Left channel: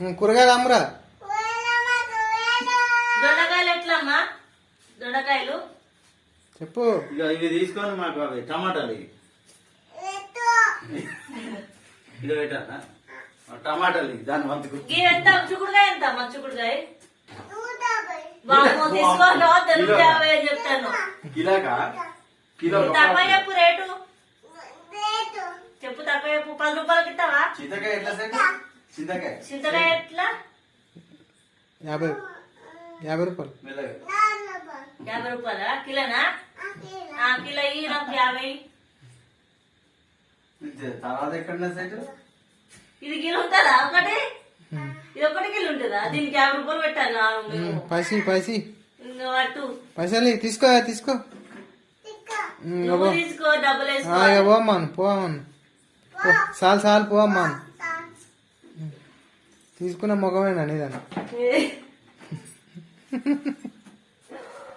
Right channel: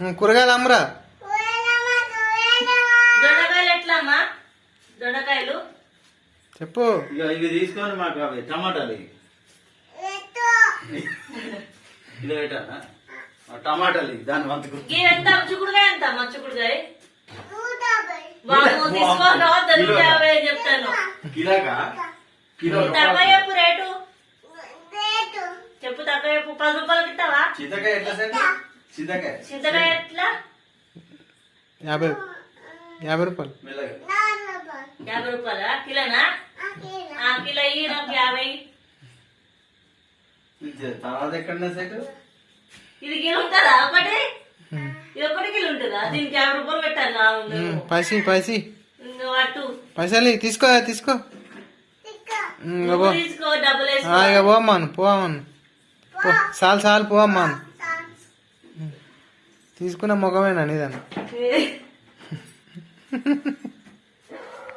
కూరగాయలు అమ్మరా. దొండకాయలు ఎట్లా అమ్మా? దొండకాయలు చెప్పు. ఇవి తీసుకొని మాకు అవి టమాటాలు ఇది పెట్టాలా? టమాటాలు దాని వంతుకు ఇవి ఎంత చిక్కుడుకాయ ఎంత అమ్మా? చిక్కుడుకాయ తీసుకోరా దొరికి 50 అని చెప్తాను. కిలోకా? కిలో తక్కువ చెప్పు రేటు చెప్పు. తక్కువ చెప్పు. 10 రూపాయలకి ఇస్తావా? చింతకాయ ఎట్లా సార్? చింతకాయ చింతకాయ ఎట్లా? 50 రూపాయలు. మెల్లగా 50 రూపాయలా? కిలోనా? కిలో ఇయ్యి నాకు 50. తర్వాత ఎక్కడ సెట్? ఇది కిలో ఉంటుందా ఒకటి? ఇది ఒకటి కిలో ఉంటుందా? దీనికి 50 రూపాయలు పెట్టాలి. పైసి అటు పైసలు తీసుకో తీసుకో. తీసుకో డబ్బులు వేసుకో. ఇక పోమ్మాను పోవాను. చాలు పోమ్మాను. తీసుకున్న ముఖమేనా నీదన్న?